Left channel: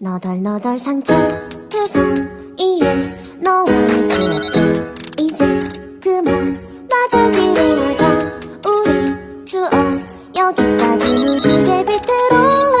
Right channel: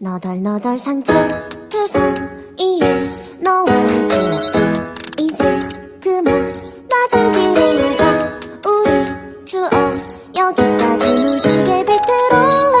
너덜너덜 상처 투성 이에 너와의 추억도 이제 그만 놔주기로 하자. 우리 추억 여기까지 무지개 빛으로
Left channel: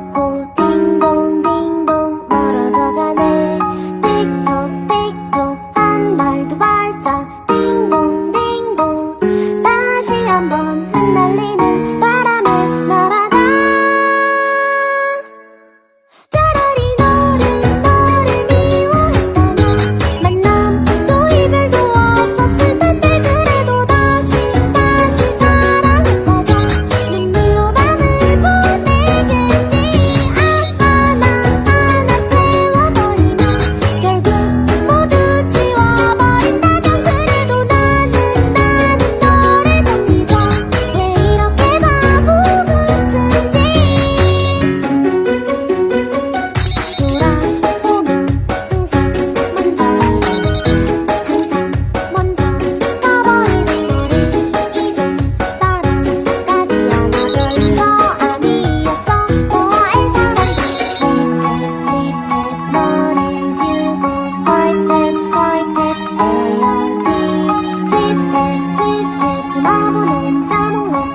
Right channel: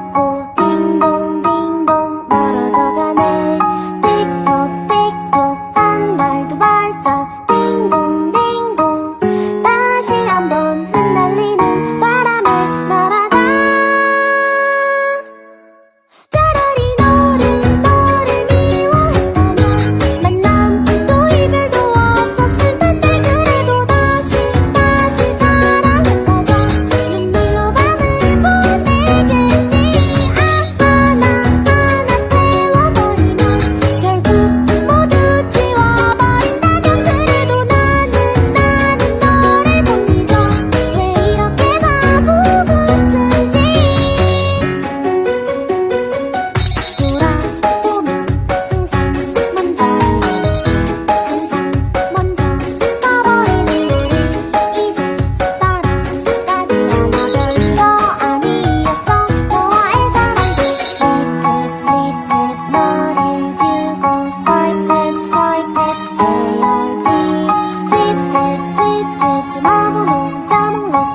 손을 놓고 딩동 딩동 멀어져 가네. 틱톡 틱톡 한 발도 발짝 딩동 딩동. 다시 한번 흩날리는 바람에 날아 梦